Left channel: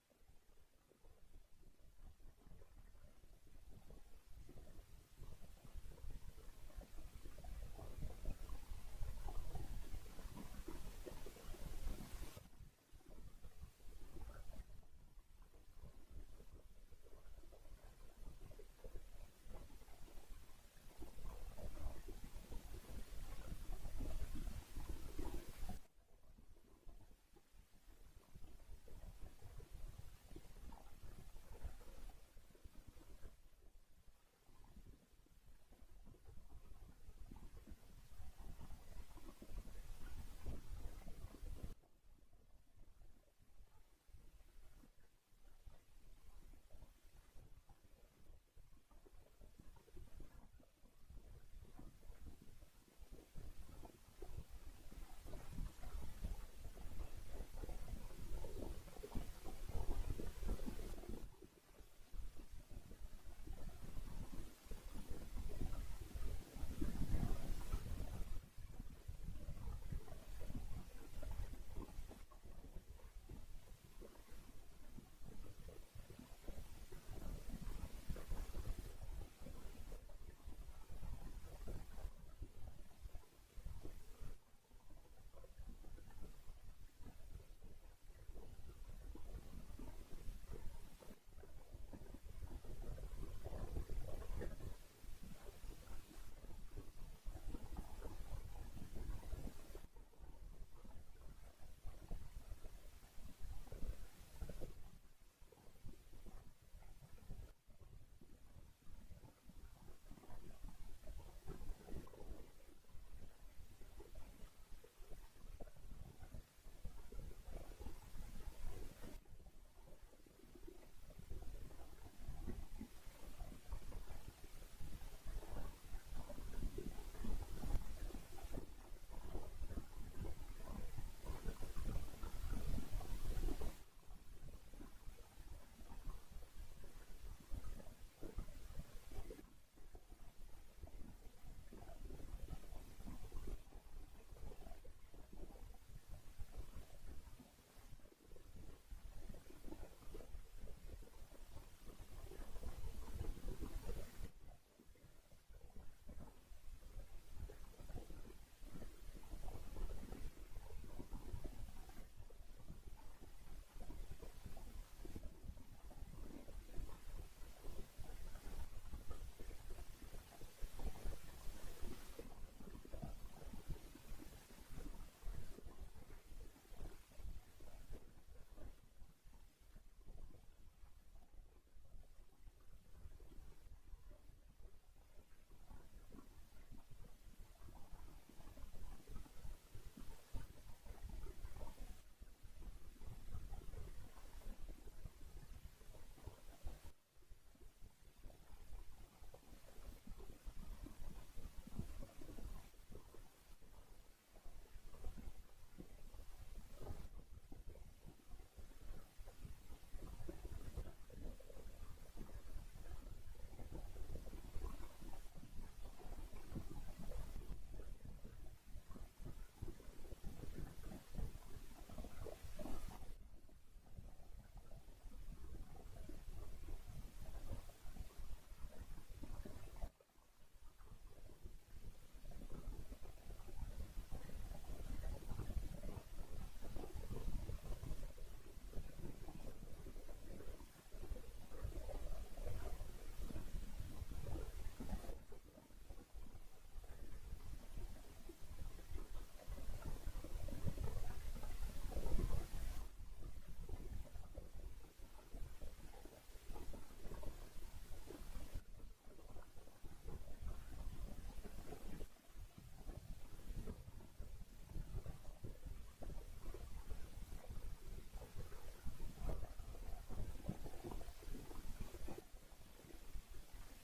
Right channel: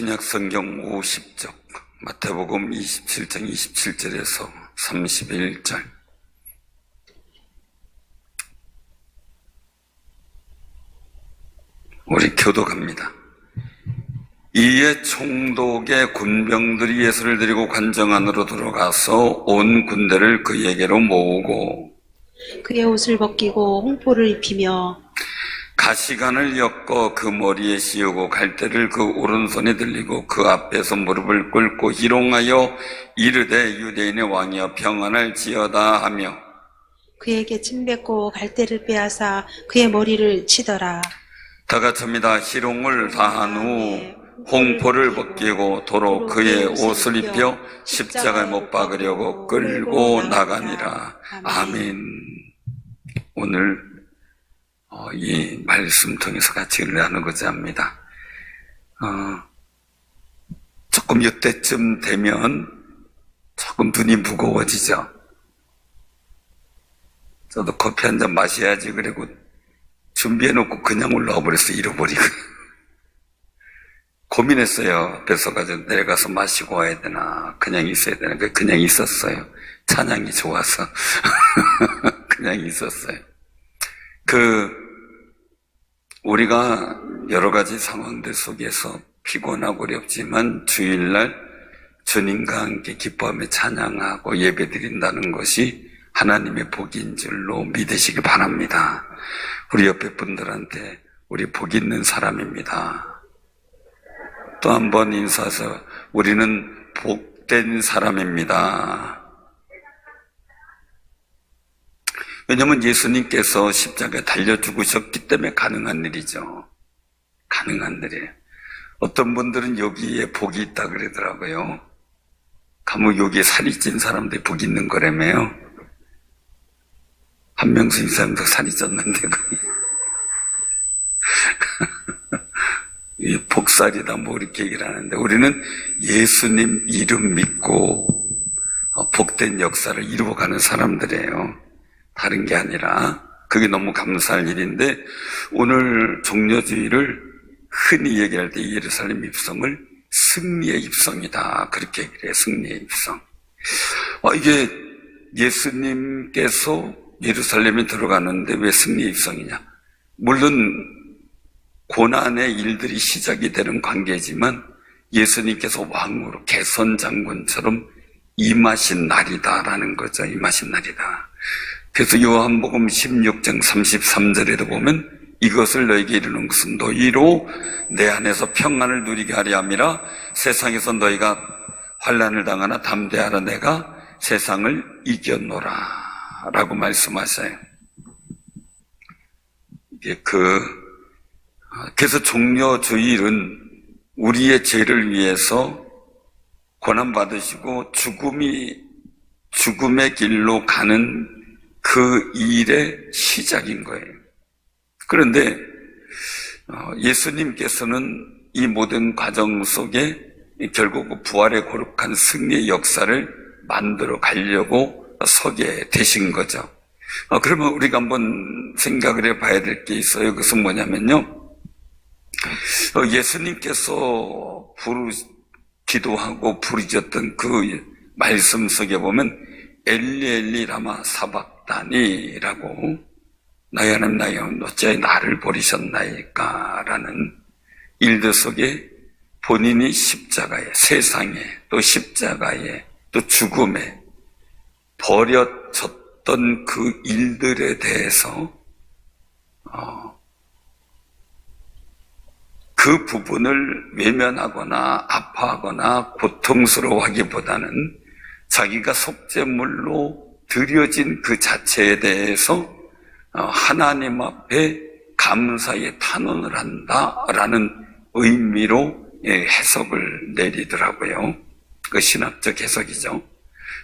신약 성경 50쪽 마태복음 27장 27절에서 31절. 우리 교독합니다. 이에 총독의 군병들이 예수를 데리고 관정 안으로 들어가서 온 군대를 그에게로 모으고 그의 옷을 벗기고 홍포를 입히며 가시관을 엮어 그 머리에 씌우고 갈대를 그 오른손에 들리고 그 앞에서 무릎을 꿇고 희롱하여 이르되 유대인의 왕이여 평안을 지어다 하며 그에게 침뱉고 갈대를 빼앗아 그의 머리를 치더라. 다 같이입니다. 희롱을 다한 후 홍포를 벗기고 도로 그의 옷을 입혀 십자가에 못 박으려고 끌고 나가니라. 아멘. 오늘 이 말씀 통해서 같이 나누고자 합니다. 조금 이때쯤 되면 조금 눈이 무거워지죠. 저도 커피 한 잔 마셔야지 그리고 준비해놓고 그냥 올라와 버렸어요. 잃어버리고. 고민했어요. 뱃속까지 내려가서 마시고 와야 되나 그냥 있어야 되나. 그냥 있었어요. 찬양이 좋아서 그냥 있었어요. 우리가 여러 가지 상황들 속에서 피곤하고 어렵지만 주일날 주님과 함께 기뻐하며 찬양하고 예배드린다는 것이 하나님의 복인 줄로 믿으시기 바랍니다. 우리 옆에 분들한테 우리 복 있는 사람입니다. 또 한 번 인사해서 우리는 복된 사람입니다. 왜냐하면 예수님께서 십자가에 달려 죽으셨기 때문에 가능한 일이죠. 가능한 일이에요. 어떤 분들은 여기에 복이 있다 그러더라고요. 가면 여기에 살이 찐 사람들이 복이 있는 거라며요. 한명수 이사님도 살이 쪘는데 복살이다 뭐 이렇게 얘기를 하는데 우리는 예수님 이름 믿고 복된 역사를 이루어가는 사람들이에요. 다른 게 아니라 그게 너무 감사할 일인데 오늘 종려주의를 흔히 얘기할 때 예루살렘 입성을 승리의 입성이다 그렇게 얘기를 해요. 승리의 입성. 이게 예수님께서 예루살렘에 들어가는데 왜 승리의 입성이냐. 물론 고난의 일들이 시작이 되는 관계지만 예수님께서 왕으로 개선장군처럼 임하신 날이다라는 거죠. 임하신 날이다. 그래서 요한복음 16장 33절에도 보면 이것을 너에게 이르는 것은 너희로 내 안에서 평안을 누리게 하려 함이라. 세상에서 너희가 환난을 당하나 담대하라 내가 세상을 이겼노라 라고 말씀하셔요. 그래서 종려주일은 우리의 죄를 위해서 고난받으시고 죽음의 길로 가는 그 일의 시작인 거예요. 그런데 예수님께서는 이 모든 과정 속에 결국 부활의 거룩한 승리의 역사를 만들어 가려고 서게 되신 거죠. 그러면 우리가 한번 생각을 해봐야 될 게 있어요. 그것은 뭐냐면요. 예수님께서 기도하고 부르짖었던 그 말씀 속에 보면 엘리 엘리 라마 사박다니라고 나의 하나님 나의 하나님 어찌하여 나를 버리셨나이까 라는 일들 속에 본인이 십자가에 세상에 또 십자가에 또 죽음에 버려졌던 그 일들에 대해서 그 부분을 외면하거나 아파하거나 고통스러워하기보다는 자기가 속죄물로 드려진 그 자체에 대해서 하나님 앞에 감사의 탄원을 한다라는 의미로 해석을 내리더라고요. 그 신학적 해석이죠.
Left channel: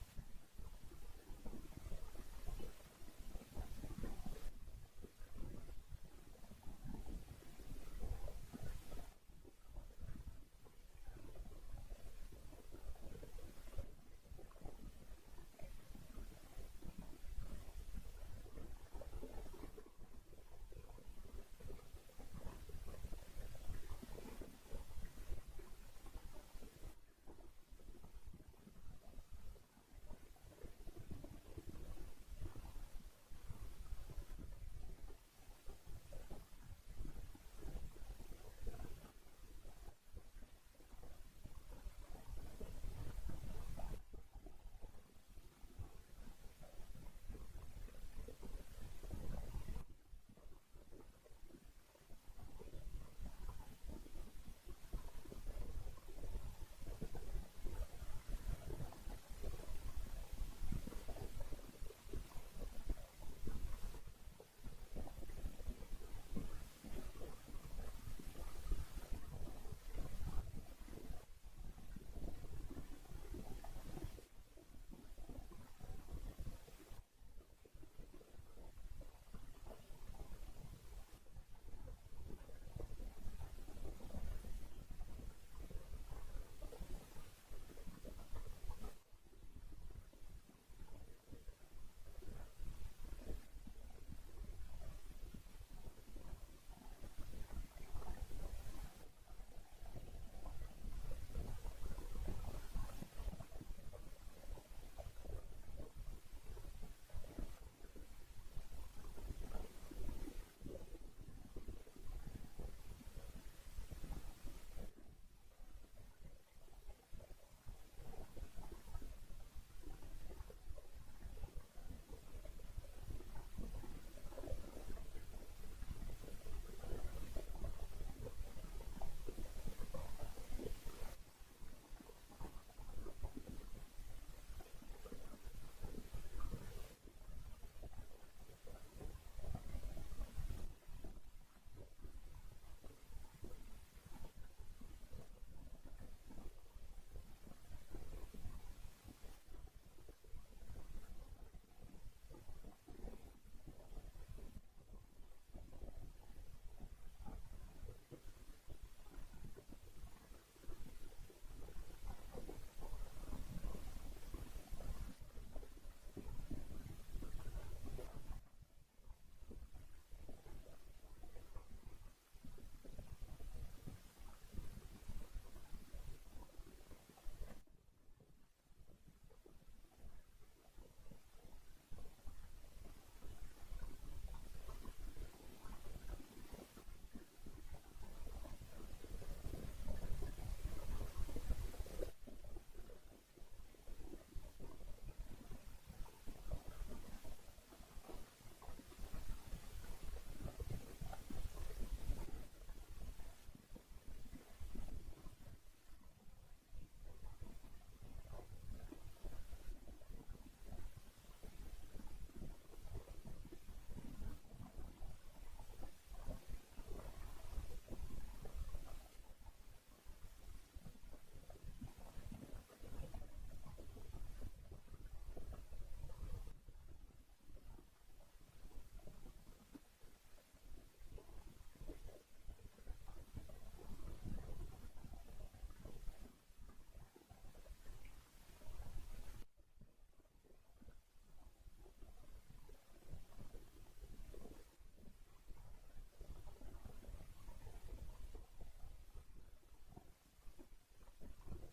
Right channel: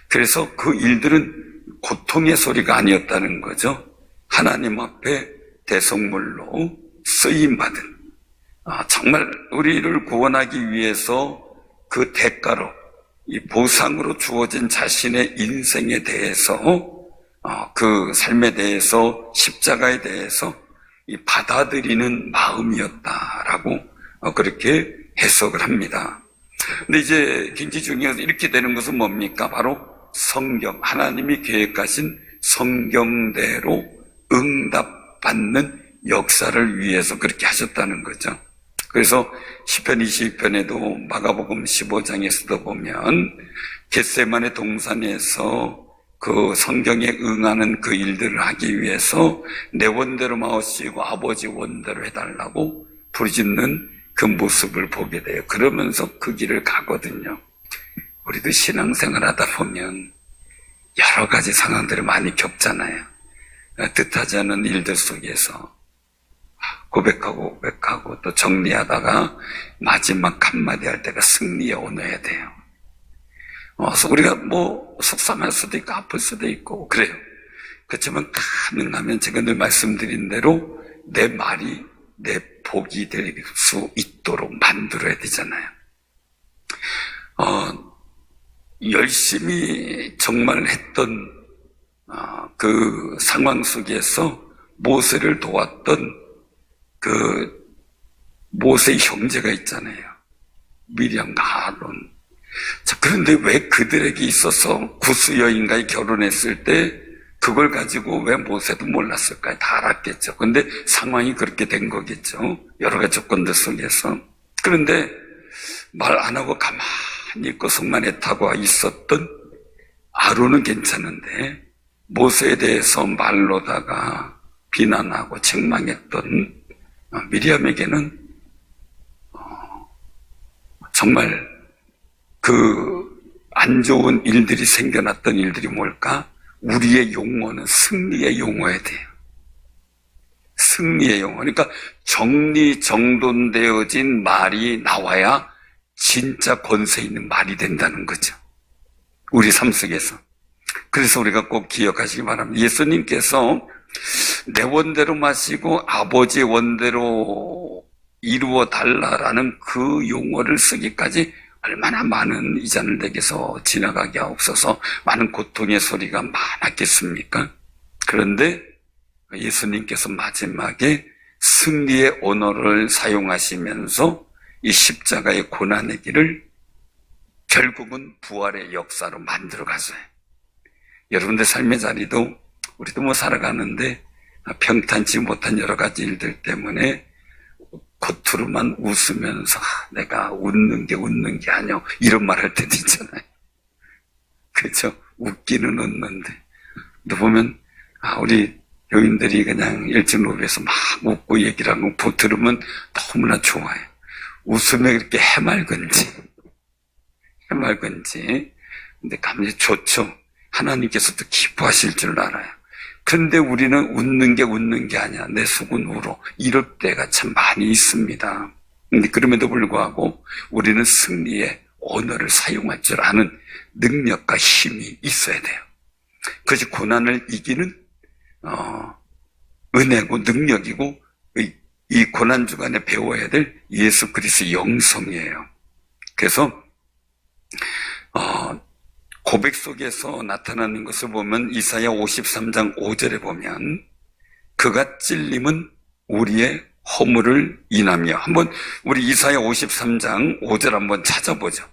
그래서 그 일들은 고통의 소리가 아니었다는 거죠. 하나님 앞에 대속물로 쓰임받은 정말 우리를 구원하기 위해서 그 대가로 이 보상으로 주어진 자신의 인생에 대해서 그 삶에 대해서 십자가에 대해서 이 받아들이는 마음이었다라고 그렇게 해석을 합니다. 근데 이제 굉장히 중요해서 이렇게 되는 것은 뭡니까? 바로 성경, 하나님이 계획하신 성경대로 응답받는 역사를 위해서 그렇게 하셨다는 거죠. 그래서 시편 22편에도 마가복음 15장에서도 보면 겟세마네 동산에서 그 성경에 응하는 그 일들을 하기 위해서 내 원대로 마오시고 아버지 원대로 해달라고 부르짖는 그 모습을 보게 돼요. 그러면서 그 길을 가거든요. 우리도 신앙생활 하다 보면 여러 가지 상황들을 많이 겪잖아요. 뜻하지 않은 일들 속에서 고백하고 또 정리하다가 마지막 한마디 할 때가 승리에 오너야 돼요. 그래서 우리가 뭐 속상할 수도 있고 아플 수도 있고 그래요. 그렇지만 가능하면 제가 늘 말씀드린 대로 내 말이 내 복이 될 수 있도록 만들어야 되잖아요. 열심히 정말 했던 그 상황 속에서 모세를 도왔던 그 모세의 형제가 있잖아요. 미리암과 아론. 자, 그런데 왜 그들에게 있어서 구스 여인과의 결혼했을 때 그걸 가지고 왜 모세도 몰랐을까요? 다 알았겠죠. 근데 상황이 그렇게 된 거겠죠. 여러 가지 조건들 속에서. 그런데 말 안 하고 가만히 있고 속만 애타고 있었던 아론은 괜찮은데 모세에 대해서 말로다가 비난하고 책망했던 미리암에게는 정말 그 안 좋은 일들이 생겨났던 일들이 뭘까? 우리의 용어는 승리의 용어야 돼요. 승리의 용어. 그러니까 정리정돈되어진 말이 나와야 진짜 권세 있는 말이 된다는 거죠. 우리 삶 속에서. 그래서 우리가 꼭 기억하시기 바랍니다. 예수님께서 내 원대로 마시고 아버지의 원대로 이루어 달라라는 그 용어를 쓰기까지 얼마나 많은 이잔을 내게서 지나가게 하옵소서, 많은 고통의 소리가 많았겠습니까? 그런데 예수님께서 마지막에 승리의 언어를 사용하시면서 이 십자가의 고난의 길을 결국은 부활의 역사로 만들어 가서요. 여러분들 삶의 자리도 우리도 뭐 살아가는데 평탄치 못한 여러 가지 일들 때문에 겉으로만 웃으면서 내가 웃는 게 아니야 이런 말 할 때도 있잖아요. 그렇죠? 웃기는 웃는데 또 보면 우리 교인들이 그냥 일진로비에서 막 웃고 얘기를 하고 들으면 너무나 좋아요. 웃으면 이렇게 해맑은지 근데 감히 좋죠. 하나님께서도 기뻐하실 줄 알아요. 근데 우리는 웃는 게 아니야. 내 속은 울어. 이럴 때가 참 많이 있습니다. 근데 그럼에도 불구하고 우리는 승리의 언어를 사용할 줄 아는 능력과 힘이 있어야 돼요. 그것이 고난을 이기는 은혜고 능력이고 이 고난 주간에 배워야 될 예수 그리스도의 영성이에요. 그래서 고백 속에서 나타나는 것을 보면 이사야 53장 5절에 보면 그가 찔림은 우리의 허물을 인하며, 한번 우리 이사야 53장 5절 한번 찾아보죠.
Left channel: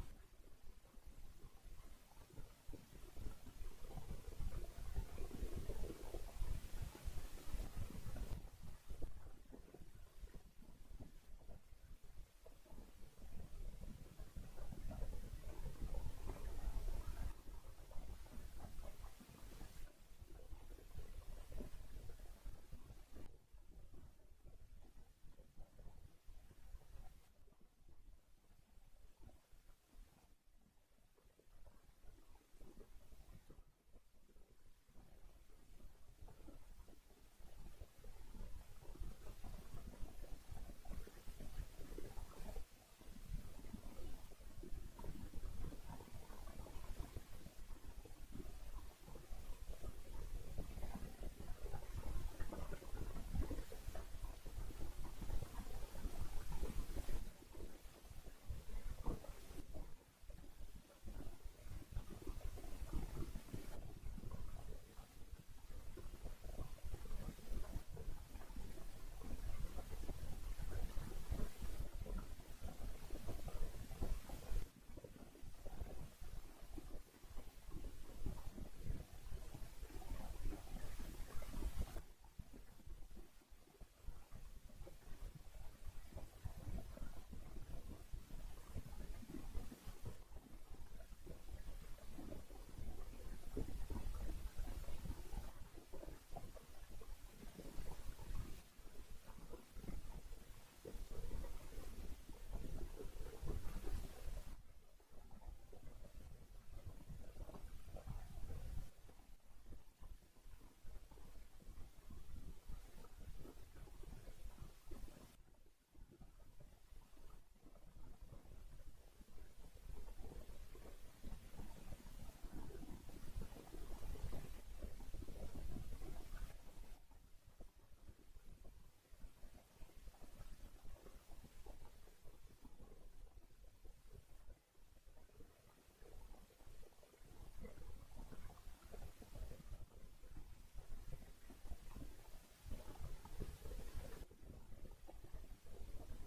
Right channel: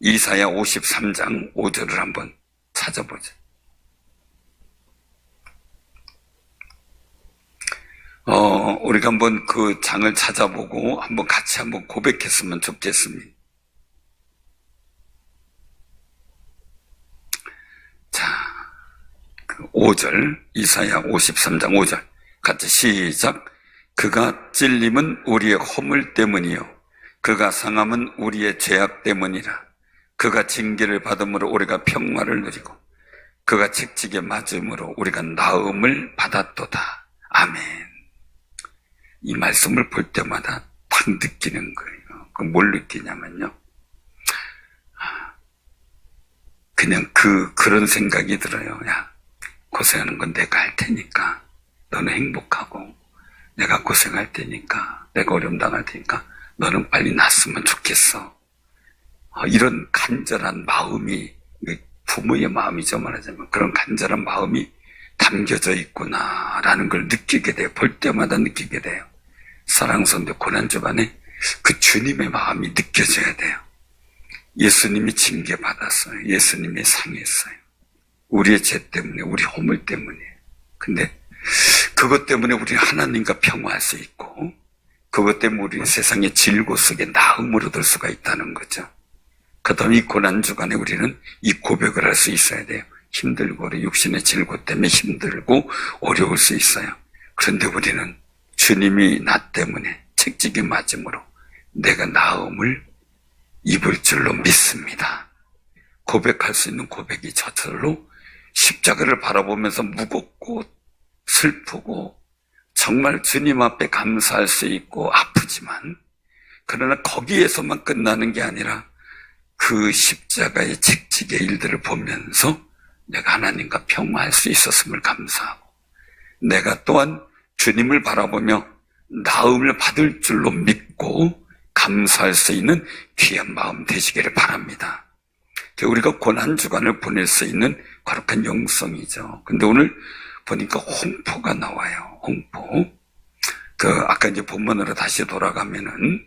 이사야 53장 5절을 한번 찾아보죠. 우리가 한번 그 장을 찾아보고 한번 같이 한번 고백했으면 좋겠습니다. 자, 그 5절, 이사야 53장 5절. 같이 시작. 그가 찔림은 우리의 허물 때문이요. 그가 상함은 우리의 죄악 때문이라. 그가 징계를 받음으로 우리가 평화를 누리고 그가 책찍에 맞음으로 우리가 나음을 받았도다. 아멘. 이 말씀을 볼 때마다 팍 느끼는 거예요. 뭘 느끼냐면요. 그냥 그런 생각이 들어요. 야, 고생하는 건 내가 할 테니까 너는 행복하고, 내가 고생할 테니까, 내가 어려움 당할 테니까 너는 빨리 낫으면 좋겠어. 이런 간절한 마음이, 부모의 마음이죠, 말하자면. 그런 간절한 마음이 담겨져 있구나라는 걸 느끼게 돼요. 볼 때마다 느끼게 돼요. 사랑스러운데 고난 주간에 그 주님의 마음이 느껴져야 돼요. 예수님이 징계받았어요. 예수님이 상했어요. 우리의 죄 때문에, 우리 허물 때문에. 근데 그것 때문에 우리 하나님과 평화할 수 있고, 그것 때문에 우리 세상의 질고 속에 나음을 얻을 수가 있다는 거죠. 그 다음에 이 고난주간에 우리는 이 고백을 할 수 있어야 돼요. 힘들고 우리 육신의 질고 때문에 힘들고 어려울 수 있어요. 그런데 우리는 주님이 나 때문에 책찍이 맞음으로 내가 나음을 입을 줄로 믿습니다. 고백할 수 있는 고백이 저절로 십자가를 바라보면서 무겁고 슬프고 정말 주님 앞에 감사할 수 있고 아프지만, 그러나 거기에서만 끝나는 게 아니라 그 십자가의 책찍의 일들을 보면서 내가 하나님과 평화할 수 있었음을 감사하고, 내가 또한 주님을 바라보며 나음을 받을 줄로 믿고 감사할 수 있는 귀한 마음 되시기를 바랍니다. 우리가 고난주간을 보낼 수 있는 거룩한 영성이죠. 근데 오늘 보니까 홍포가 나와요. 홍포. 아까 이제 본문으로 다시 돌아가면은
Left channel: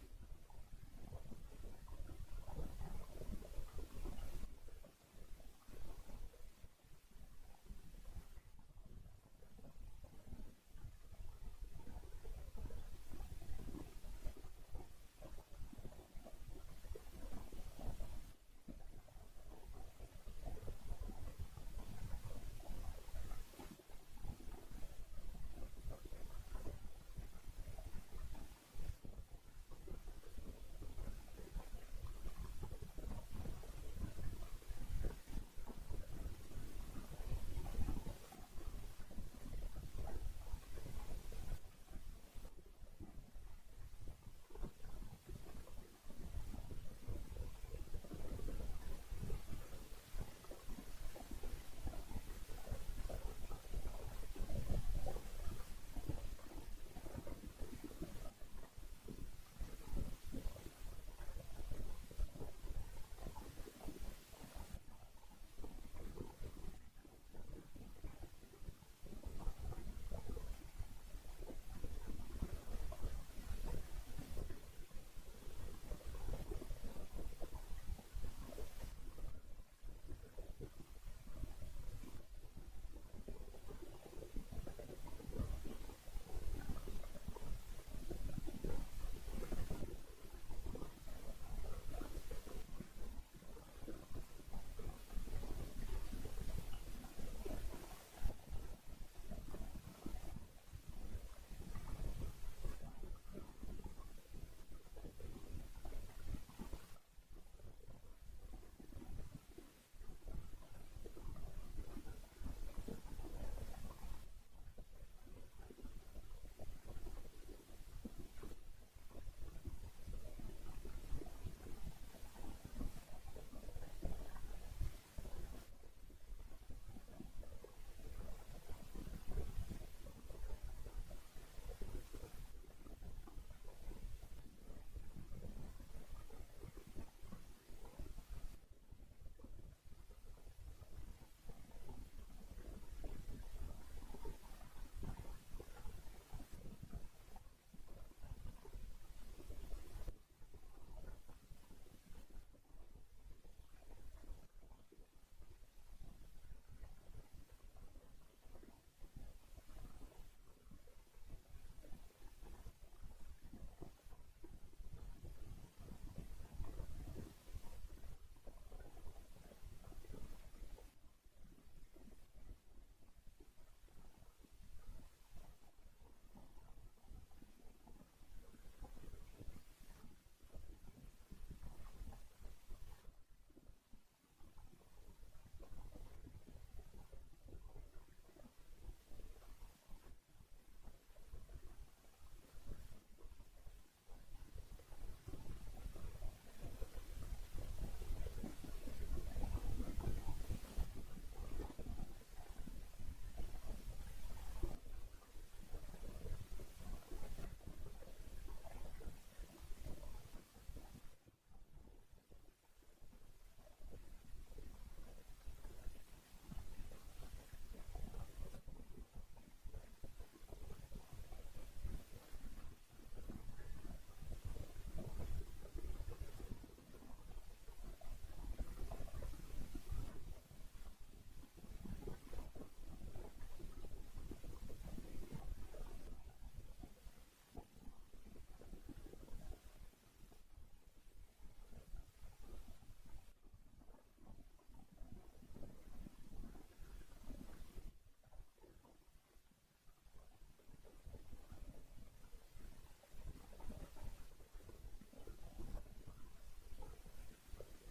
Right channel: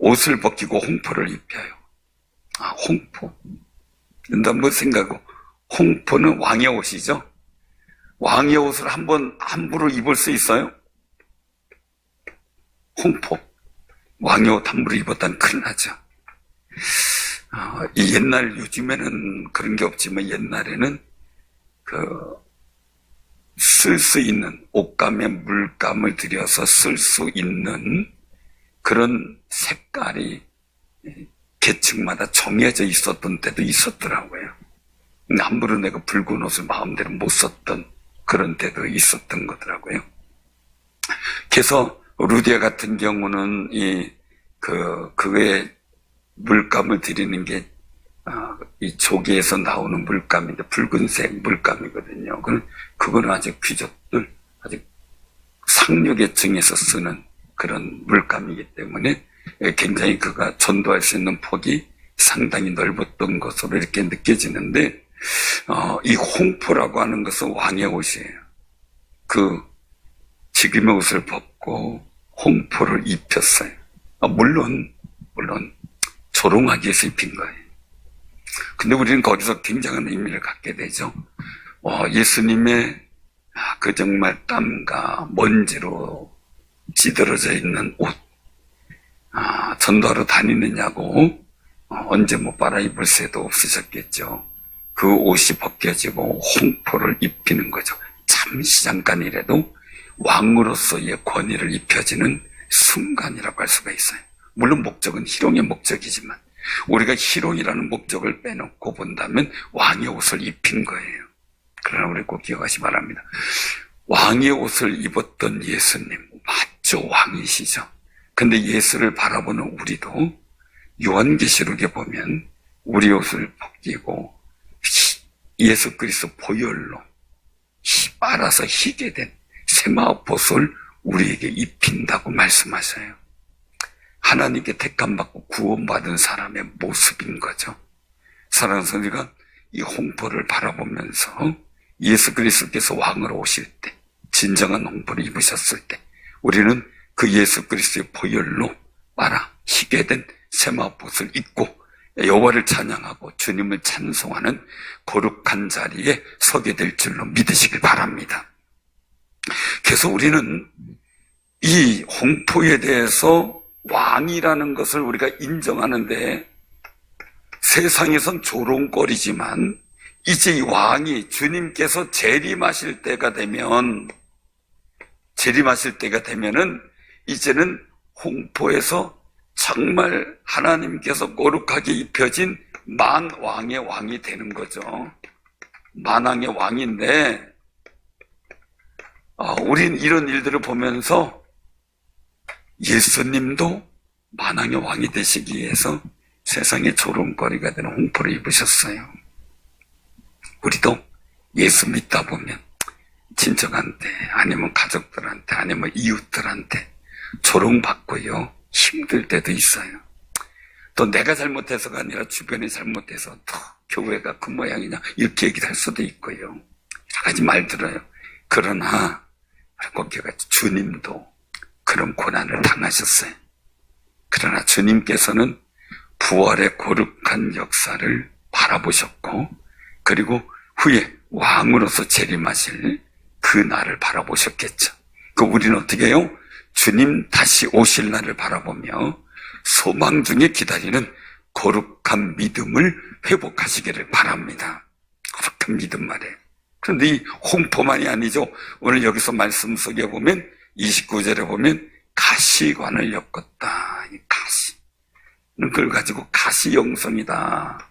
옷을 벗기고 홍포를 입혀요. 홍포. 근데 한번 생각하고, 홍포는 왕의 옷이죠. 왕의 옷을 함부로 입을 수 있어요? 홍포. 왕의 옷 함부로 입었다는 큰일 나죠. 요즘에는 그런 게 없지만 옛날에는 쓸 수 있는 옷감에 물감을 들여서 쓸 수 있는 그런 색깔이 계층마다 정해져 있었던 때도 있었더라고요. 근데 함부로 내가 붉은 옷을 마음대로 못 썼던 그런 때도 있었던 거더라고요. 그래서 루디아 같은 경우는 그거에 물감을 들이는 게 이 조개에서 나오는 물감인데 붉은색 물감이거든요. 그거는 아직 귀족들, 아직 상류계층에서 쓰는 그런 물감이기 때문에 굉장히 그가 전도할 수 있는 폭이 상당히 넓었던 것으로 이렇게 느껴지는데, 이 홍포라고 하는 것은 왕의 옷이에요. 지금의 옷을 벗고 홍포를 입혔어요. 물론 조롱하기 위해서 입힌 거예요. 근데 우리는 거기서 굉장한 의미를 갖게 되죠. 예수님의 그 정말 땀과 먼지로 찌들어져 있는 옷, 전도하러 다니느냐고 언제 못 빨아 입을 새도 없으셨겠죠. 그 옷이 벗겨지고 홍포를 입히는 거죠. 잠시 잠깐이라도 왕으로서의 권위를 입혀지는 순간이라고 할 수가 있어요. 물론 목적은 희롱의 목적이지만 우리가 희롱이라는 목적을 빼놓고 본다면 왕의 옷을 입힌 거예요. 그러나 우리 꼭 기억하시 바랍니다. 왕의 옷을 입었던 예수님, 맞죠? 왕이시죠. 근데 예수를 바라보는 우리도 요한계시록에 보면 우리 옷을 벗기고 예수 그리스도 보혈로 빨아서 희게 된 세마포솔 우리에게 입힌다고 말씀하셔요. 하나님께 택함받고 구원받은 사람의 모습인 거죠. 사랑하는 성도가 이 홍포를 바라보면서 예수 그리스도께서 왕으로 오실 때, 진정한 홍포를 입으셨을 때 우리는 그 예수 그리스도의 보혈로 빨아 희게 된 세마포를 입고 여호와를 찬양하고 주님을 찬송하는 거룩한 자리에 서게 될 줄로 믿으시길 바랍니다. 그래서 우리는 이 홍포에 대해서 왕이라는 것을 우리가 인정하는데, 세상에선 조롱거리지만 이제 이 왕이 주님께서 재림하실 때가 되면은 이제는 홍포에서 정말 하나님께서 거룩하게 입혀진 만왕의 왕이 되는 거죠. 만왕의 왕인데, 우린 이런 일들을 보면서 예수님도 만왕의 왕이 되시기 위해서 세상의 조롱거리가 되는 홍포를 입으셨어요. 우리도 예수 믿다 보면 친척한테, 아니면 가족들한테, 아니면 이웃들한테 조롱받고요, 힘들 때도 있어요. 또 내가 잘못해서가 아니라 주변이 잘못해서 또 교회가 그 모양이냐 이렇게 얘기를 할 수도 있고요. 여러 가지 말 들어요. 그러나 꼭 기억하죠. 주님도 그런 고난을 당하셨어요. 그러나 주님께서는 부활의 거룩한 역사를 바라보셨고, 그리고 후에 왕으로서 재림하실 그 날을 바라보셨겠죠. 그 우리는 어떻게 해요? 주님 다시 오실 날을 바라보며 소망 중에 기다리는 거룩한 믿음을 회복하시기를 바랍니다. 거룩한 믿음 말이에요. 그런데 이 홍포만이 아니죠. 오늘 여기서 말씀 속에 보면 29절에 보면 가시관을 엮었다. 이 가시. 그걸 가지고 가시영성이다.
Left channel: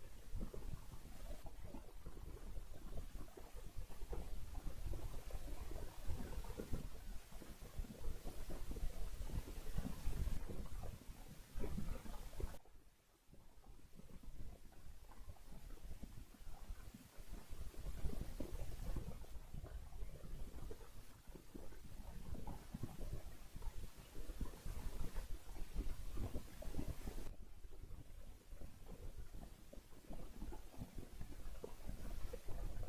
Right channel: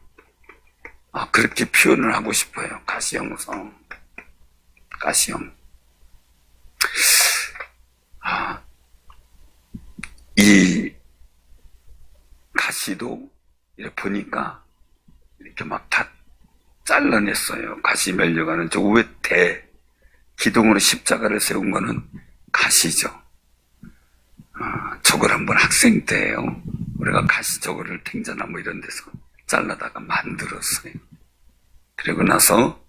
그렇게 표현을 하고 싶어요. 가시영성. 가시영. 이 가시도 이렇게 보니까 이렇게 막 다 잘라냈어요. 가시 멸려가는 저 위에 기둥으로 십자가를 세운 거는 가시죠. 저걸 한번 학생 때예요. 우리가 가시 저거를 탱자나무 이런 데서 잘라다가 만들었어요. 그리고 나서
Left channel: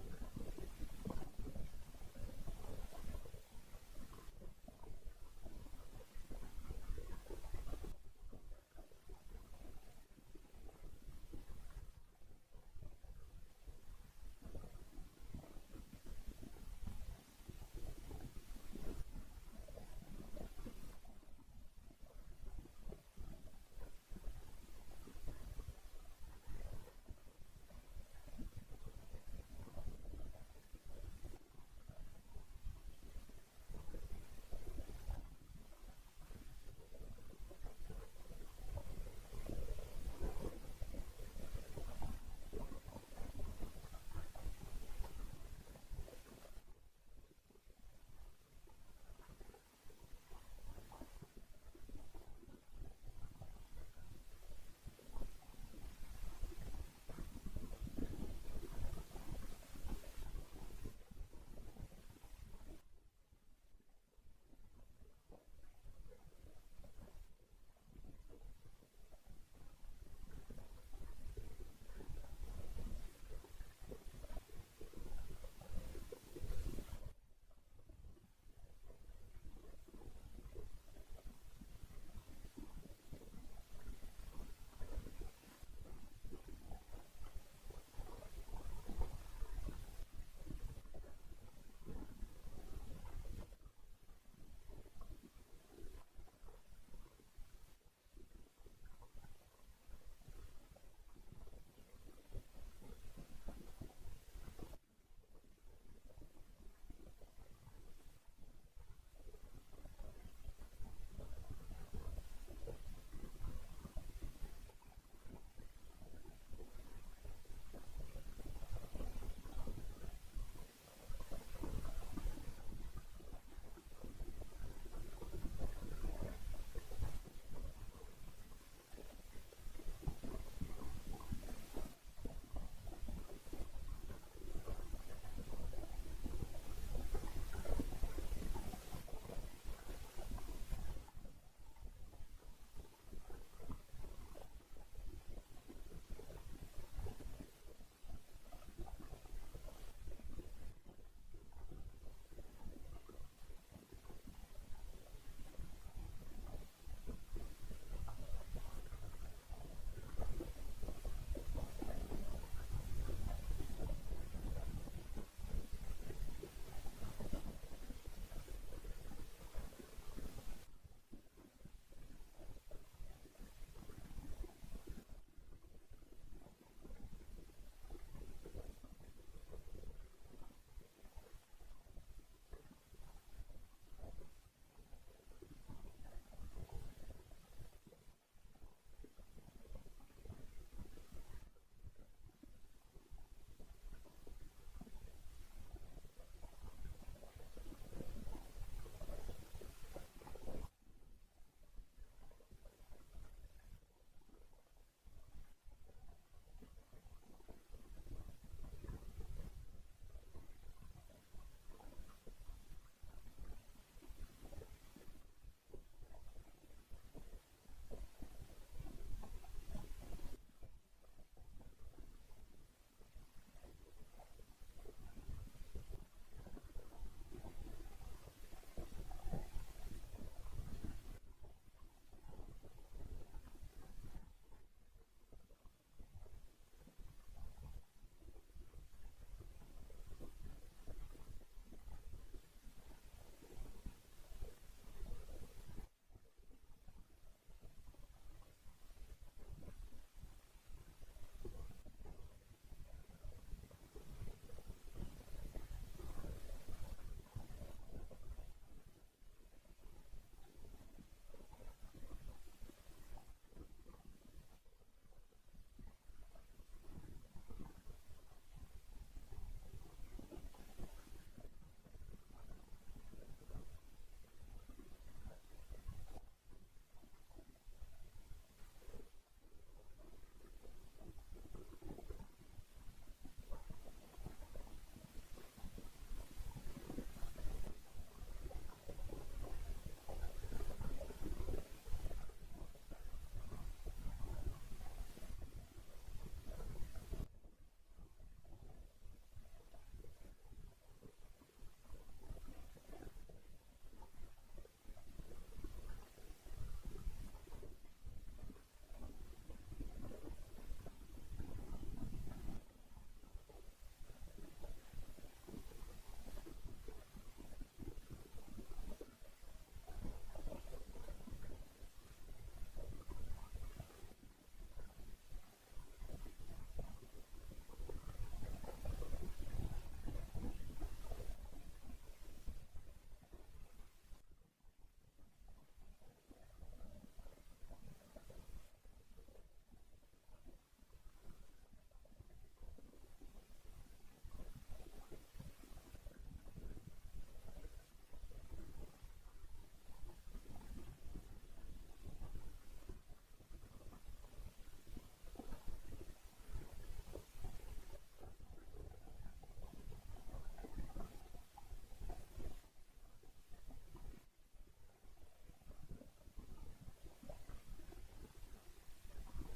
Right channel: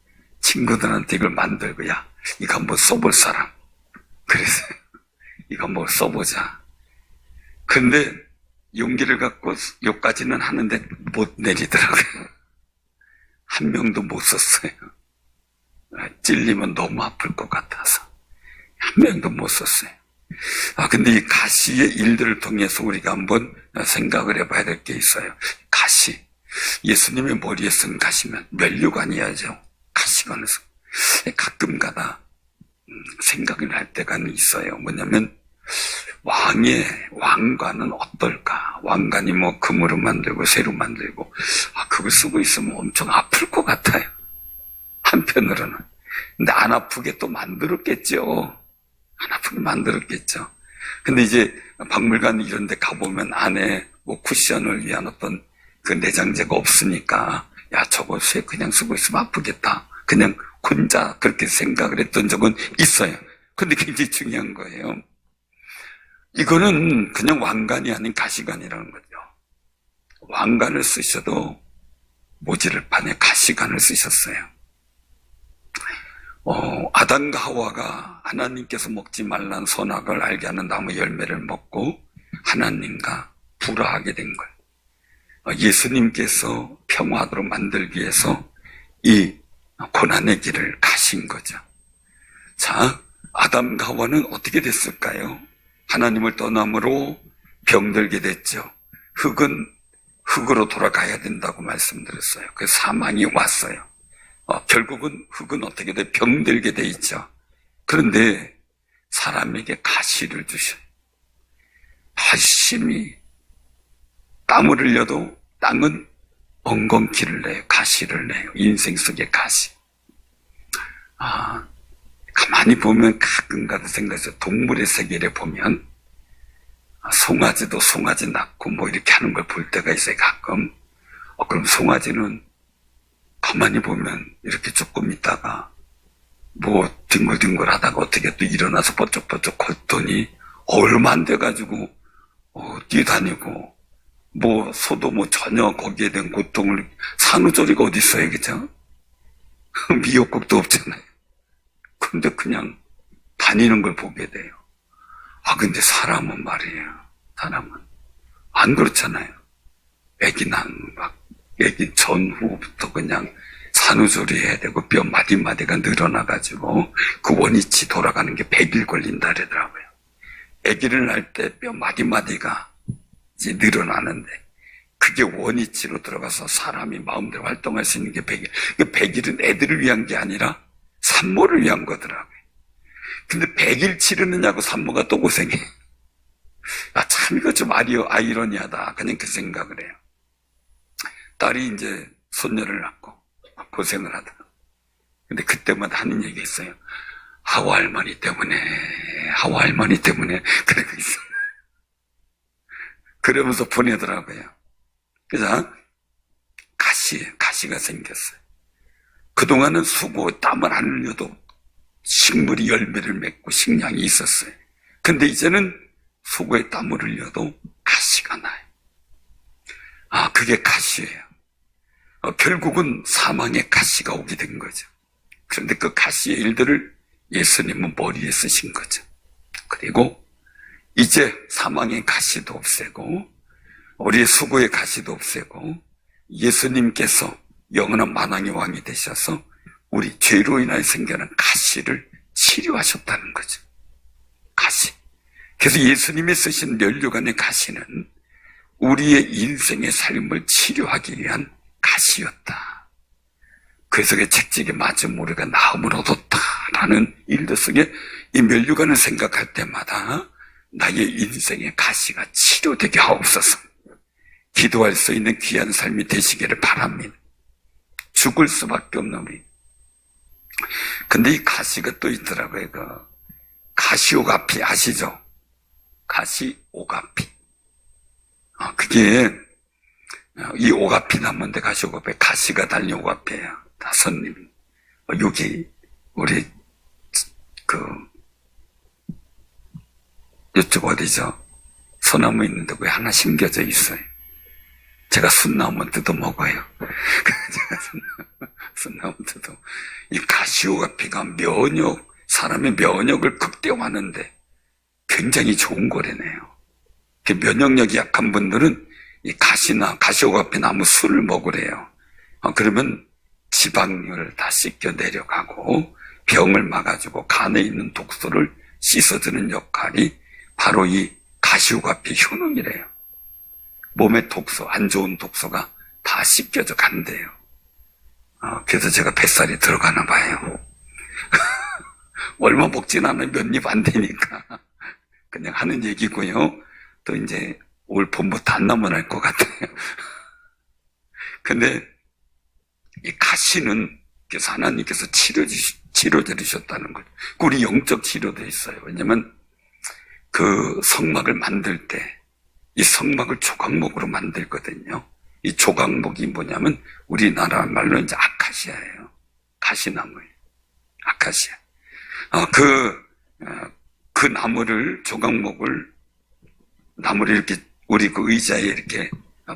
친구들한테 이걸 만들고, 야, 이거 한번 써볼 사람. 그래서 이거 한번 써보자. 근데 용기를 갖고 여기까지는 하는데 못 내리더라고요. 한 명도 못 썼어요. 찔리면 너무 아플 것 같아서 한 명도 못 썼어요. 근데 이 가시의 일들을 통해서 우리가 한번 생각을 해봐야 될 게 있어요. 가시. 예수님의 머리에 쓴 가시면 면류관이야죠. 가시관에서. 가끔가다 생각을 할 때가 있어요. 뭐냐면 왕관은 어떨까? 왕관이 뭐 금으로 만들고 쇠로 만들고, 그걸 쓰고 있으면 엄청 아플 것 같아요. 한편으로는. 근데 안 아프게 또 만들었겠죠. 안 아프게 만들었겠죠. 근데 이제 박물관 이런 데 가보면 안에 뭐 쿠션을 위한 어떤 그 내장재가 없으니까, 야, 저거 쇠 그냥 쓰고 있으면 아프겠다. 그냥 혼자 그렇게 생각을 했던 적은 있어요. 근데 굉장히 중요한 거예요. 이거는 그냥 왕관이 아닌 가시관이라는 거죠. 왕관을 쓰셔도 모지를 판에 가시관을 쓰셨어요. 아담과 하와가 하나님께서 먹지 말란 선악을 알게 하는 나무 열매를 먹고 하나님과 불화하게 된 걸 예수님께서 평화하도록 만들기 위해서 이 고난의 길을 가신 거죠. 자, 아담과 하와는 어떻게 됐을까요? 하나님을 떠남으로 병들게 됐죠. 흙은 흙으로 돌아가야 된다고 말씀드렸어요. 그래서 사망이 왔어요. 결국은 흙은 어떻게 돼? 병들게 돼 있죠. 그런데 사람에게 가시를 주셔요. 열심히 땀을 흘려도 땅은 엉겅퀴를 내요. 가시를 내요. 인생 속의 가시. 가만히 보면 가끔가다 생각해서 동물의 세계를 보면 송아지도 송아지 낳고 뭐 이렇게 하는 걸 볼 때가 있어요. 가끔. 그럼 송아지는 가만히 보면 이렇게 조금 있다가 뭐 뒹굴뒹굴 하다가 어떻게 또 일어나서 버쩍버쩍 걷더니 얼마 안 돼가지고 뛰어다니고, 뭐 소도 뭐 전혀 거기에 대한 고통을, 산후조리가 어디 있어요, 그죠? 미역국도 없잖아요. 근데 그냥 다니는 걸 보게 돼요. 근데 사람은 말이에요. 사람은 안 그렇잖아요. 애기 전후부터 그냥 산후조리 해야 되고 뼈 마디마디가 늘어나가지고 그 원위치 돌아가는 게 100일 걸린다 그러더라고요. 애기를 낳을 때 뼈 마디마디가 이제 늘어나는데 그게 원위치로 들어가서 사람이 마음대로 활동할 수 있는 게 100일. 그 100일은 애들을 위한 게 아니라 산모를 위한 거더라고요. 근데 100일 치르느냐고 산모가 또 고생해. 참 이거 좀 아이러니하다. 그냥 그 생각을 해요. 딸이 이제 손녀를 낳고 고생을 하더라고요. 근데 그때마다 하는 얘기 있어요. 하와 할머니 때문에 그러고 있어요. 그러면서 보내더라고요. 그래서 가시가 생겼어요. 그동안은 수고 땀을 안 흘려도 식물이 열매를 맺고 식량이 있었어요. 근데 이제는 수고에 땀을 흘려도 가시가 나요. 그게 가시예요. 결국은 사망의 가시가 오게 된 거죠. 그런데 그 가시의 일들을 예수님은 머리에 쓰신 거죠. 그리고 이제 사망의 가시도 없애고 우리의 수고의 가시도 없애고 예수님께서 영원한 만왕의 왕이 되셔서 우리 죄로 인하여 생겨난 가시를 치료하셨다는 거죠. 가시. 그래서 예수님이 쓰신 면류관의 가시는 우리의 인생의 삶을 치료하기 위한 가시였다. 그래서 그 책찍에 맞은 우리가 나음을 얻었다라는 일도 속에 이 면류관을 생각할 때마다 나의 인생의 가시가 치료되게 하옵소서. 기도할 수 있는 귀한 삶이 되시기를 바랍니다. 죽을 수밖에 없는 우리. 근데 이 가시가 또 있더라고요. 그 가시오가피 아시죠? 가시오가피. 그게 이 오가피 나무인데 가시오가피 가시가 달린 오가피예요. 다섯님. 여기 우리 이쪽 어디죠? 소나무 있는데 왜 하나 심겨져 있어요? 제가 순나무 뜯어 먹어요. 제가 순나무 뜯어. 이 가시오가피가 사람의 면역을 극대화하는데 굉장히 좋은 거래네요. 면역력이 약한 분들은 이 가시나 가시오가피 나무 술을 먹으래요. 그러면 지방을 다 씻겨 내려가고 병을 막아주고 간에 있는 독소를 씻어주는 역할이 바로 이 가시오가피 효능이래요. 몸의 독소, 안 좋은 독소가 다 씻겨져 간대요. 그래서 제가 뱃살이 들어가나 봐요. 얼마 먹진 않아요. 몇 입 안 되니까. 그냥 하는 얘기고요. 또 이제 올 봄부터 안 나면 할 것 같아요. 근데 이 가시는 그래서 하나님께서 치료해 주셨다는 거죠. 우리 영적 치료도 있어요. 왜냐면 그 성막을 만들 때 이 성막을 조각목으로 만들거든요. 이 조각목이 뭐냐면 우리나라 말로 이제 아카시아예요. 가시나무예요. 아카시아. 그 나무를 나무를 이렇게 우리 그 의자에 이렇게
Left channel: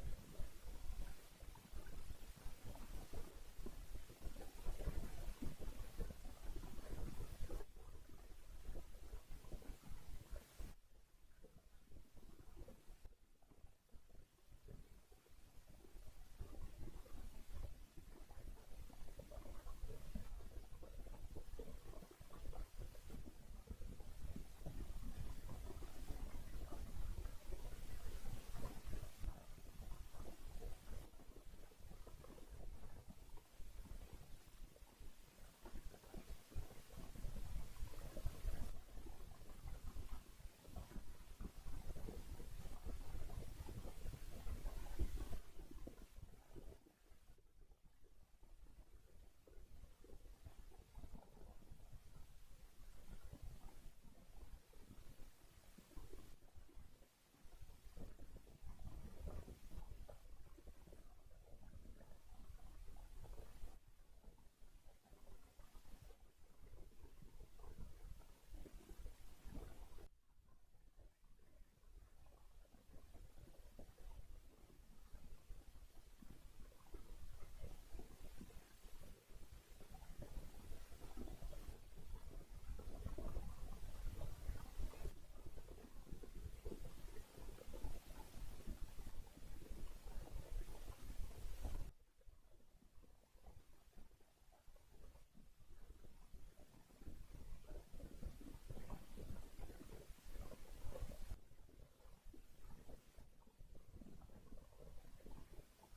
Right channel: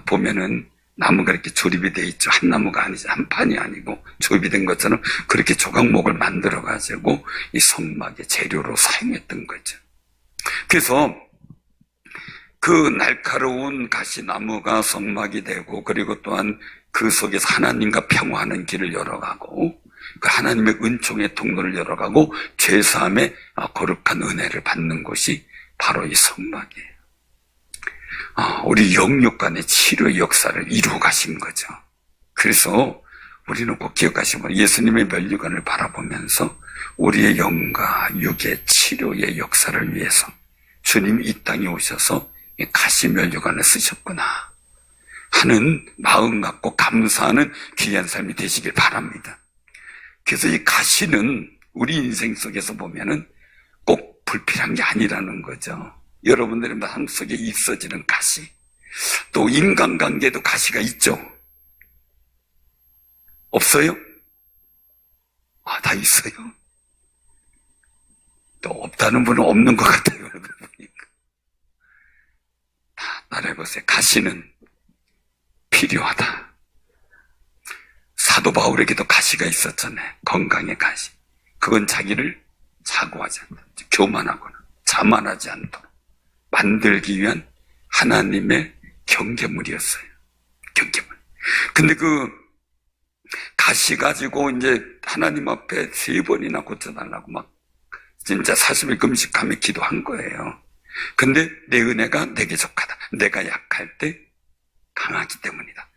보면은 나무가 이렇게 조립이 돼 있죠. 한 나무가 아니죠. 한 판이 아니고 조립이 된 것처럼 그렇게 조각목을 만들어 가지고 이 성막의 재료로 사용했던 거죠. 그래서 그 날카로운 가시나무가 성막이 되고 그리고 또한 그 속에서 하나님과 평화하는 길을 열어가고 그 하나님의 은총의 통로를 열어가고 죄사함의 거룩한 은혜를 받는 곳이 바로 이 성막이에요. 우리 영육 간의 치료의 역사를 이루어 가신 거죠. 그래서 우리는 꼭 기억하시면 예수님의 면류관을 바라보면서 우리의 영과 육의 치료의 역사를 위해서 주님이 이 땅에 오셔서 이 가시 면류관을 쓰셨구나 하는 마음 갖고 감사하는 귀한 삶이 되시길 바랍니다. 그래서 이 가시는 우리 인생 속에서 보면은 꼭 불필요한 게 아니라는 거죠. 여러분들의 마음 속에 있어지는 가시, 또 인간관계에도 가시가 있죠. 없어요? 다 있어요. 또 없다는 분은 없는 것 같아요. 여러분 보니까. 다 따라해보세요. 가시는 필요하다. 사도 바울에게도 가시가 있었잖아요. 건강의 가시. 그건 자기를 사고하지 않다. 교만하거나 자만하지 않도록 만들기 위한 하나님의 경계물이었어요. 경계물. 근데 그 가시 가지고 이제 하나님 앞에 3번이나 고쳐달라고 막 진짜 40일 금식하며 기도한 거예요. 근데 내 은혜가 내게 속하다. 내가 약할 때 강하기 때문이다.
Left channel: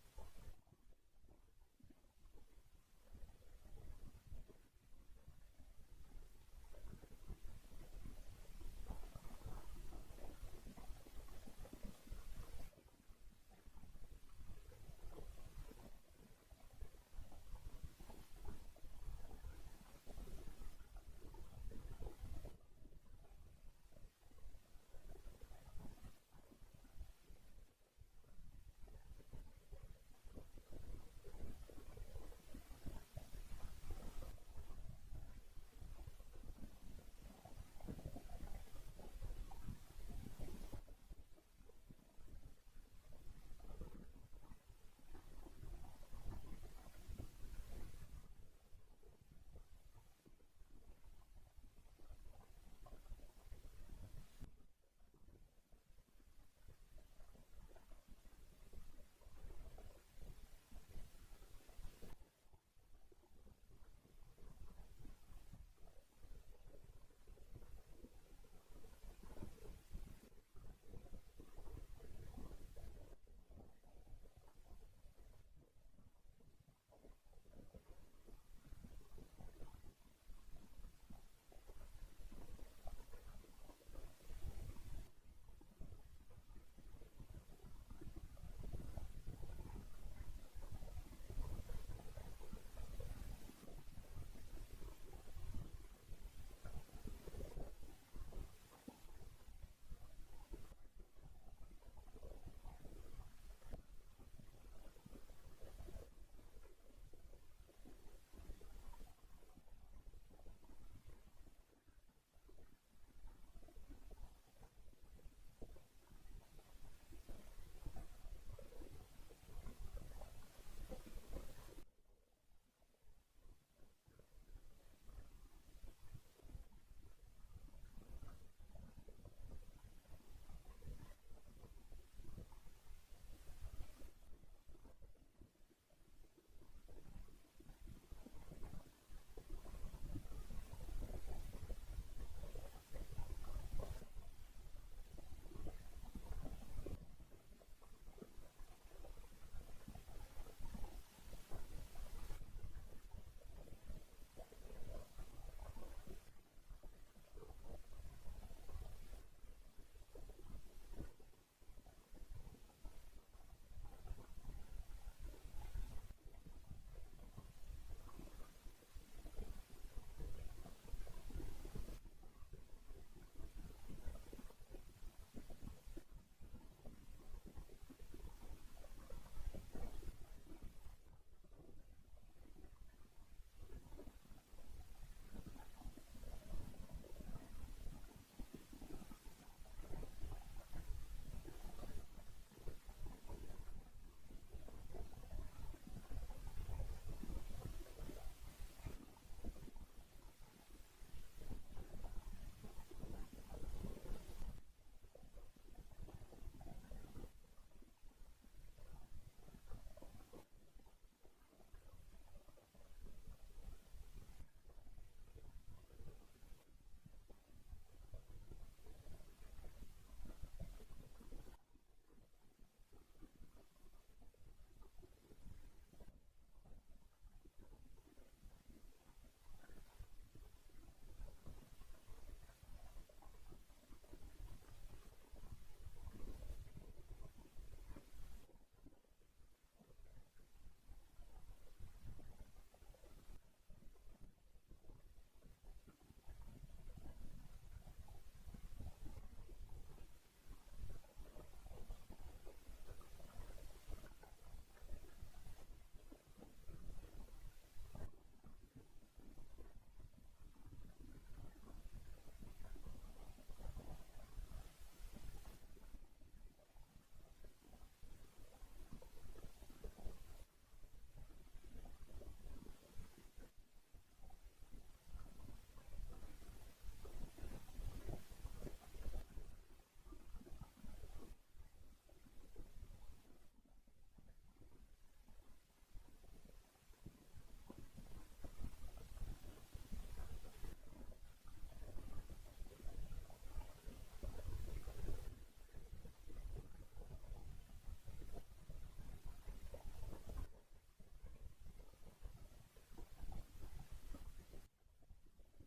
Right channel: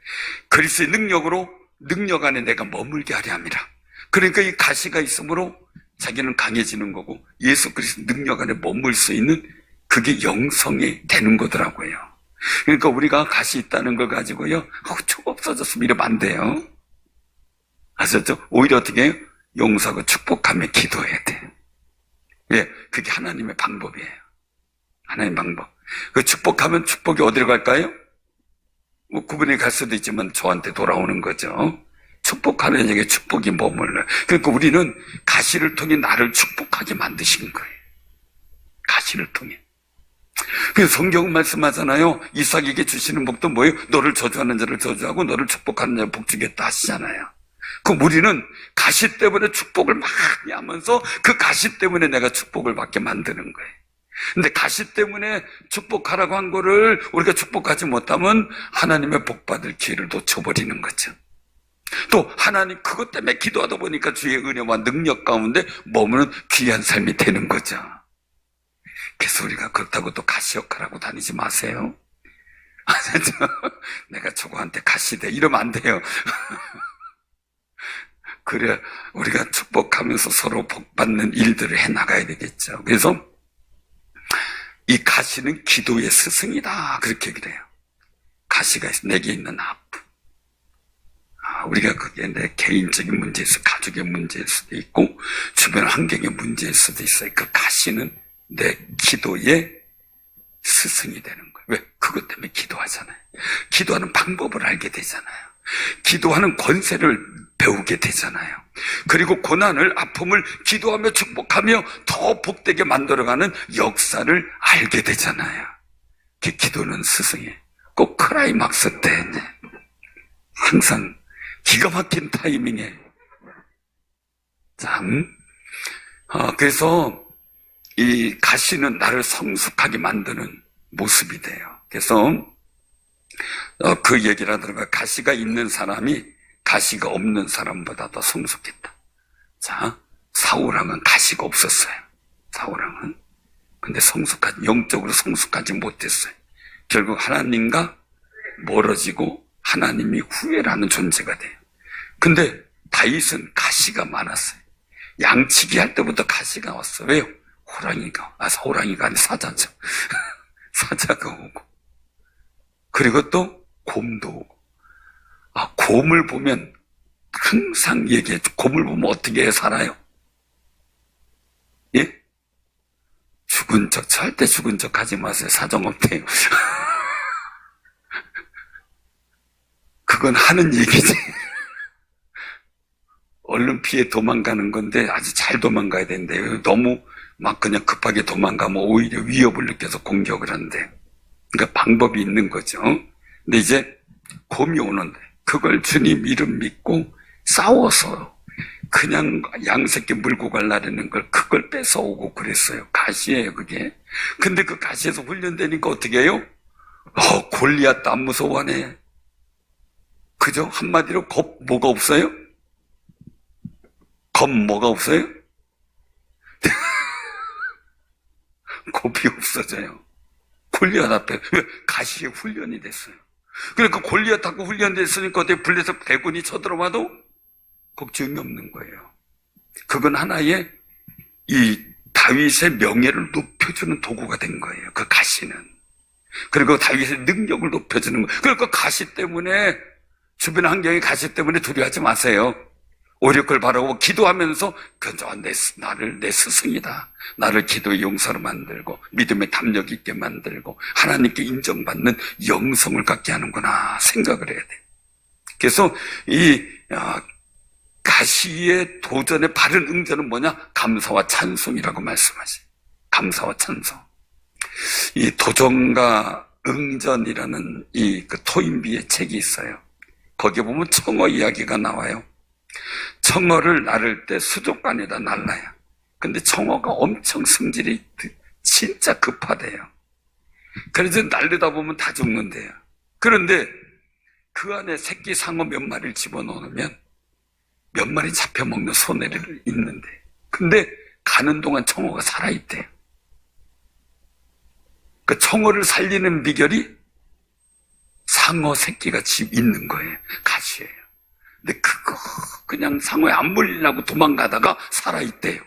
그리스도의 능력 안에 내가 머물게 하려 함이라. 그러니까 이 가시가 있으므로 자기는 강해지는 거고 예수 그리스도 능력 안에 머물 수 있는 그게 영성이 되는 거더라고요. 그러니까 우리가 가시 있다는 걸 가지고요, 쭉 없어졌으면 이러면 안 돼요. 아셨죠? 오히려 어떻게 해요? 용서하고 축복하며 기도해야 돼. 예, 그게 하나님의 방법이에요. 하나님의 방법. 그 축복하면 축복이 어디로 갈까요? 뭐 구분이 갈 수도 있지만 저한테 돌아오는 거죠. 축복하는 얘기에 축복이 머물러요. 그러니까 우리는 가시를 통해 나를 축복하게 만드신 거예요. 가시를 통해. 그래서 성경은 말씀하잖아요. 이삭에게 주시는 복도 뭐예요? 너를 저주하는 자를 저주하고 너를 축복하는 자를 복주겠다 하시잖아요. 그럼 우리는 가시 때문에 축복을 많이 하면서 그 가시 때문에 내가 축복을 받게 만드는 거예요. 근데 가시 때문에 축복하라고 한 거를 우리가 축복하지 못하면 하나님의 복받을 기회를 놓쳐버리는 거죠. 또 하나님 그것 때문에 기도하다 보니까 주의 은혜와 능력 가운데 머무는 귀한 삶이 되는 거죠. 그래서 우리가 그렇다고 또 가시 역할하고 다니지 마세요. 내가 저거한테 가시대 이러면 안 돼요. 그래 우리가 축복하면서 서로 복받는 일들을 해나가야 되겠죠. 그래서 이 가시는 기도의 스승이다 그렇게 그래요. 가시가 내게 있는 아픔, 우리가 그게 내 개인적인 문제일 수도 가족의 문제일 수도 있고 주변 환경의 문제일 수도 있어요. 그 가시는 내 기도의 스승이 되는 거예요. 왜? 그것 때문에 기도하잖아요. 기도하는 방법을 알게 되잖아요. 기도하는 권세를 배우게 되잖아요. 그리고 고난을, 아픔을 기도하며 축복하며 더 복되게 만들어가는 역사를 알게 되잖아요. 기도는 스승이에요. 꼭 클라이막스 때 항상 기가 막힌 타이밍에 그래서 이 가시는 나를 성숙하게 만드는 모습이 돼요. 그래서 그 얘기를 하더라고요. 가시가 있는 사람이 가시가 없는 사람보다 더 성숙했다. 자, 사울왕은 가시가 없었어요. 사울왕은. 근데 영적으로 성숙하지 못했어요. 결국 하나님과 멀어지고 하나님이 후회라는 존재가 돼요. 근데 다윗은 가시가 많았어요. 양치기 할 때부터 가시가 왔어요. 왜요? 호랑이가 아니라 사자죠. 사자가 오고. 그리고 또 곰도 오고. 곰을 보면 항상 얘기해. 곰을 보면 어떻게 살아요? 예? 죽은 척, 절대 죽은 척 하지 마세요. 사정없대요. 그건 하는 얘기지. 얼른 피해 도망가는 건데 아주 잘 도망가야 된대요. 너무 막 그냥 급하게 도망가면 오히려 위협을 느껴서 공격을 한대. 그러니까 방법이 있는 거죠. 근데 이제 곰이 오는데 그걸 주님 이름 믿고 싸워서 그냥 양새끼 물고 가려는 걸 그걸 뺏어오고 그랬어요. 가시예요 그게. 근데 그 가시에서 훈련되니까 어떻게 해요? 골리앗도 안 무서워하네. 그죠? 한마디로 뭐가 없어요? 뭐가 없어요? 겁이 없어져요. 골리앗 앞에. 왜? 가시에 훈련이 됐어요. 그러니까 골리앗하고 훈련됐으니까 어떻게 블레셋 대군이 쳐들어와도 걱정이 없는 거예요. 그건 하나의 이 다윗의 명예를 높여주는 도구가 된 거예요. 그 가시는. 그리고 다윗의 능력을 높여주는 거예요. 그러니까 가시 때문에 주변 환경의 가시 때문에 두려워하지 마세요. 오히려 그걸 바라고 기도하면서 나를 내 스승이다. 나를 기도의 용사로 만들고 믿음의 담력 있게 만들고 하나님께 인정받는 영성을 갖게 하는구나 생각을 해야 돼. 그래서 이 가시의 도전의 바른 응전은 뭐냐? 감사와 찬송이라고 말씀하세요. 감사와 찬송. 이 도전과 응전이라는 그 토인비의 책이 있어요. 거기에 보면 청어 이야기가 나와요. 청어를 나를 때 수족관에다 날라요. 근데 청어가 엄청 성질이 진짜 급하대요. 그래서 날르다 보면 다 죽는데요. 그런데 그 안에 새끼 상어 몇 마리를 집어넣으면 몇 마리 잡혀먹는 손해를 있는데, 근데 가는 동안 청어가 살아있대요. 그 청어를 살리는 비결이 상어 새끼가 있는 거예요. 가시예요. 근데 그거 그냥 상어에 안 물리려고 도망가다가 살아있대요.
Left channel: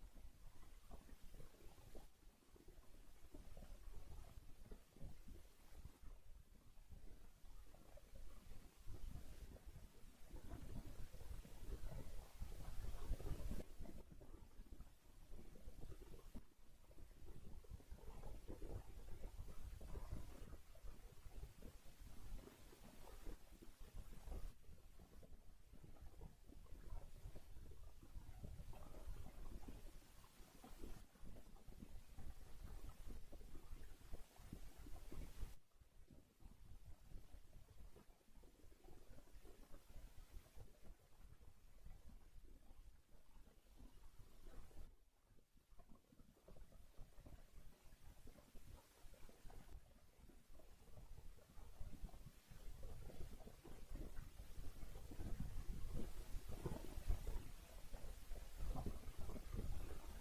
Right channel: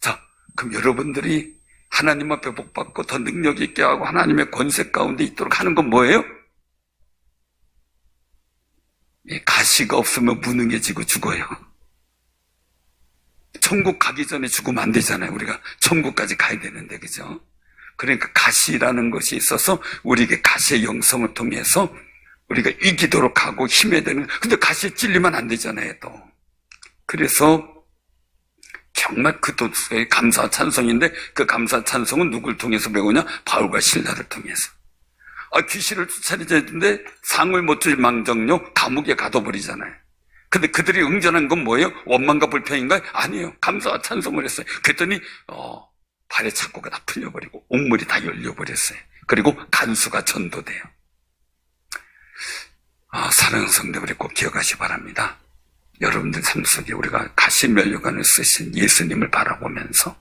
자, 그럼 여러분들이 하나님 앞에 복받고 더 능력 있게 하고 하나님의 권세 가운데 있도록 하는 건 뭐예요? 가시가 없으면 무능해지고 죽어요. 천국 가기 전에 죽으면 안 되잖아요. 우리가 천국까지 가야 되는데, 그죠? 그러니까 가시라는 것이 있어서 우리에게 가시의 영성을 통해서 우리가 이기도록 하고 힘해야 되는, 근데 가시에 찔리면 안 되잖아요, 또. 그래서 정말 그 도수의 감사 찬송인데 그 감사 찬송은 누굴 통해서 배우냐? 바울과 실라를 통해서. 귀신을 쫓아내야 되는데 상을 못 줄 망정요 감옥에 가둬버리잖아요. 근데 그들이 응전한 건 뭐예요? 원망과 불평인가요? 아니에요. 감사와 찬송을 했어요. 그랬더니 발의 착고가 다 풀려버리고 옥물이 다 열려버렸어요. 그리고 간수가 전도돼요. 사랑하는 성도들이 꼭 기억하시 바랍니다. 여러분들 삶 속에 우리가 가시면류관을 쓰신 예수님을 바라보면서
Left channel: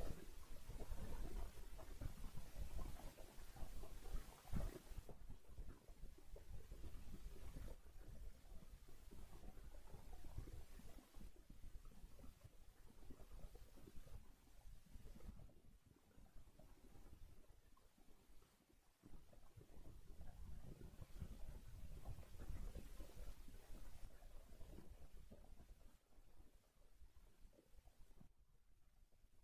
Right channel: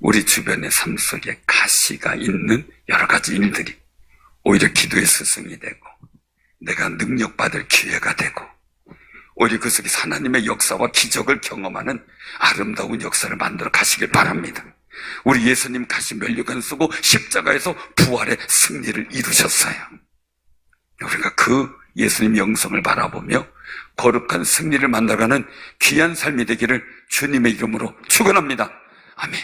우리 주변의 삶 속에 가시가 있는 여러 가지 일들이 오히려 기도의 스승이 되고 내가 능력받을 기회가 되고 오히려 그 속에서 하나님의 역사와 기적을 경험하는 아름다운 역사를 만들어 가시길 바랍니다. 우리 예수님 가시면류관 쓰고 십자가에서 부활의 승리를 이루셨어요. 우리가 그 예수님 영성을 바라보며 거룩한 승리를 만나가는 귀한 삶이 되기를 주님의 이름으로 축원합니다. 아멘.